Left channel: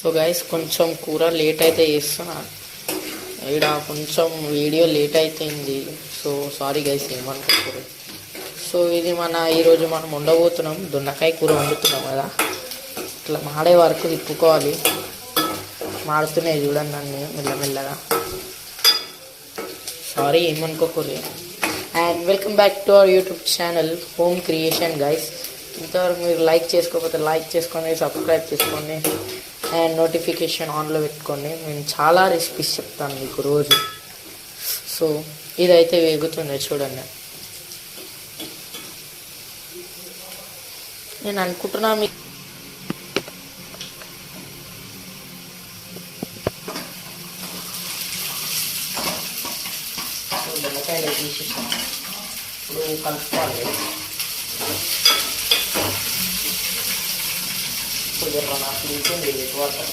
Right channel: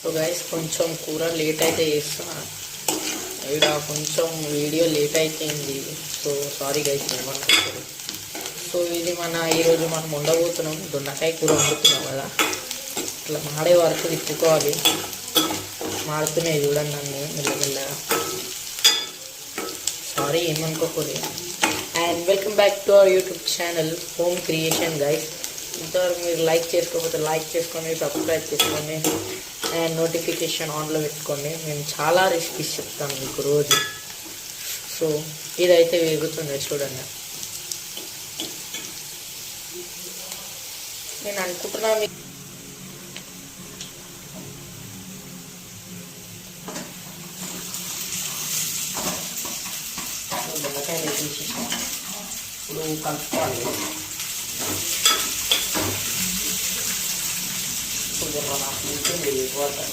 So guys కొంచెం కూర late అయితే చేస్తున్నాను. ఇక్కడ కొంచెం వీడియో లేట్ అయిపోయింది. సో సారీ గైస్, ఏమనుకుంటారు. సో ఇది ఈరోజు మనం ఉండబోతున్నాం, దొండకాయ కూర వండుతున్నాం కదా. ఇట్లా మాడే వరకు తిప్పుకోవాలి. మాడుతున్నాయి చూడండి నన్ను మెల్లమెల్లగా. సారీ, ఏమనుకోకూడదు. And welcome back to our YouTube channel home creation guys. ఇంతవరకు మీరు లైక్ చేసుకోకపోతే లైక్ చేసుకోండి, సబ్స్క్రైబ్ చేసుకోండి అండ్ నోటిఫికేషన్ ఆన్లో పెట్టుకోండి. నేను చాలా రెసిపీస్ చెప్తాను మీకు రోజు. సో ఇదైతే వేగుతుంది చూడండి. నేను అనుకుంటున్నా మీకు బెండకాయలు తీసేసాం. ఇప్పుడు కలుపుకోవాలి. కొద్దిగా నాకు ఉంటుంది వాటర్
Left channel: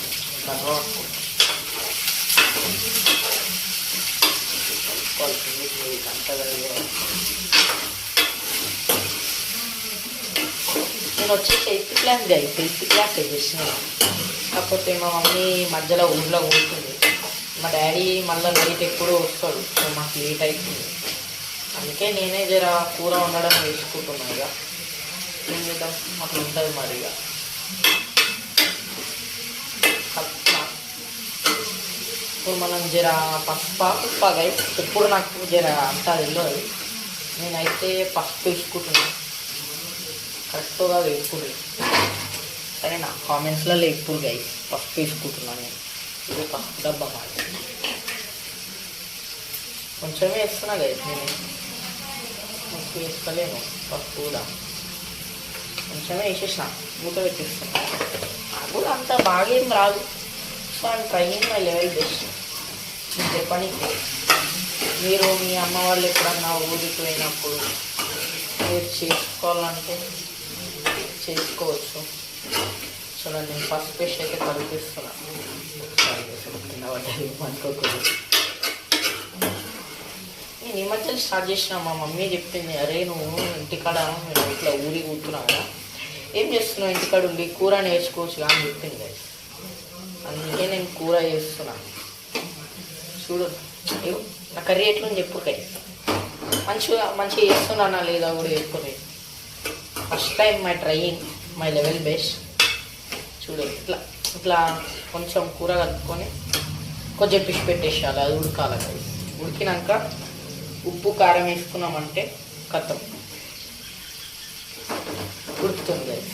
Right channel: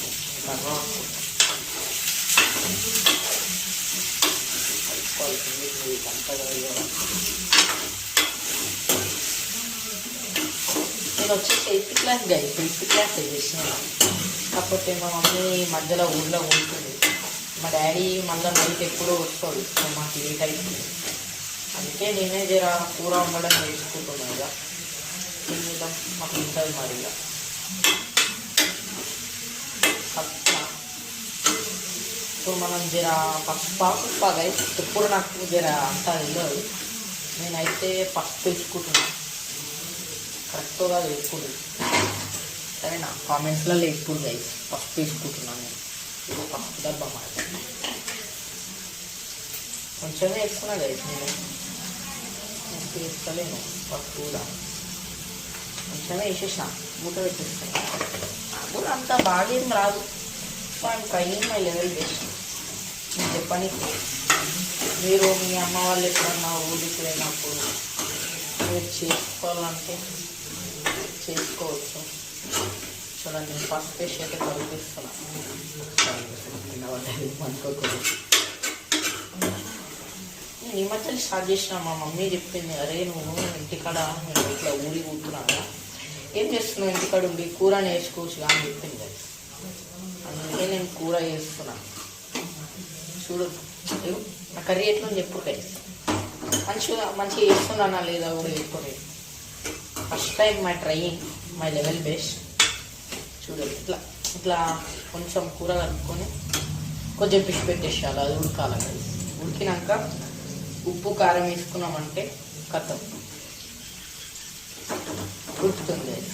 నేను వచ్చేసి 8th class guys, 8th class చేసినాను. కాకపోతే మా మమ్మీ మధ్యలో ఊళ్ళో ఉంటుంది, మా డాడీ మళ్ళీ నైట్ ఎప్పుడూ వస్తాడు. సో మాకు లేట్ అవుతుంది. అందుకే నేనే జర కూర వండడం నేర్చుకుంటున్నాను. ఇక ఏం చేద్దాం, మాకు ఉంటుంది మరి. ఇక ఇప్పుడు మనం జర పసుపు గైస్, ఎప్పుడు నాకు జర అంతా తెలియదు. నేనైతే పసుపు వేసుకుంటున్నాను. కరెక్ట్గా వేసుకుంటు సరేనా, కామెంట్స్లలో ఎప్పుడు గైస్ పసుపు వేసుకుంటున్నాను నేను. ఇది పసుపు డబ్బా మాట కొంచెమే వేస్తున్నా గైస్, నేను ఎక్కువ వేసుకోలేను. పసుపు కూడా కొంచెమే వేసేసిన, మూత పెట్టేస్తున్నా. నాకు కూడా అంత బాగా ఏం రాదు. So I'm training my level best. నేను చెప్పడానికి మీరు మీ అమ్మ వాళ్ళు ఎప్పుడన్నా ఊరికి పోయినప్పుడు మీరు చేసుకోవాలంటే చేసుకోవచ్చు. చూడండి, నేను ఫస్ట్ పేస్ట్ అయితే కడిపిస్తున్నాను. అనుకోకూడదు. నేను ఈ మధ్యలో స్టార్ట్ చేసిన. మా మమ్మీ చెప్పింది, అరే నువ్వు ఇంటికాడ ఇట్లా ఊరి కూర్చున్నా కదా, ఏం చేస్తున్నావు ఇంటికాడ ఉండి, కూర నేర్చుకోవచ్చు అని చెప్పింది కదా. అందుకే నేను కూర చేస్తున్నాను. చూడు నా కర్రీ ఎట్లని చెప్పు గైస్. మంచిగా చేస్తున్నానా లేదా కూడా చెప్పుకోలేదు. First time my trying my level best. చూడు ఇట్లా ఇట్లా కొంచెం కూర కలుపుకొని కొంచెం పిచ్చి పెట్టేసేయాలి. అది ఉడకాలి గైస్. ఉడికినాక ఉప్పు కారం వేసుకున్నామంటే కథం ఉడుకుతుంది గైస్.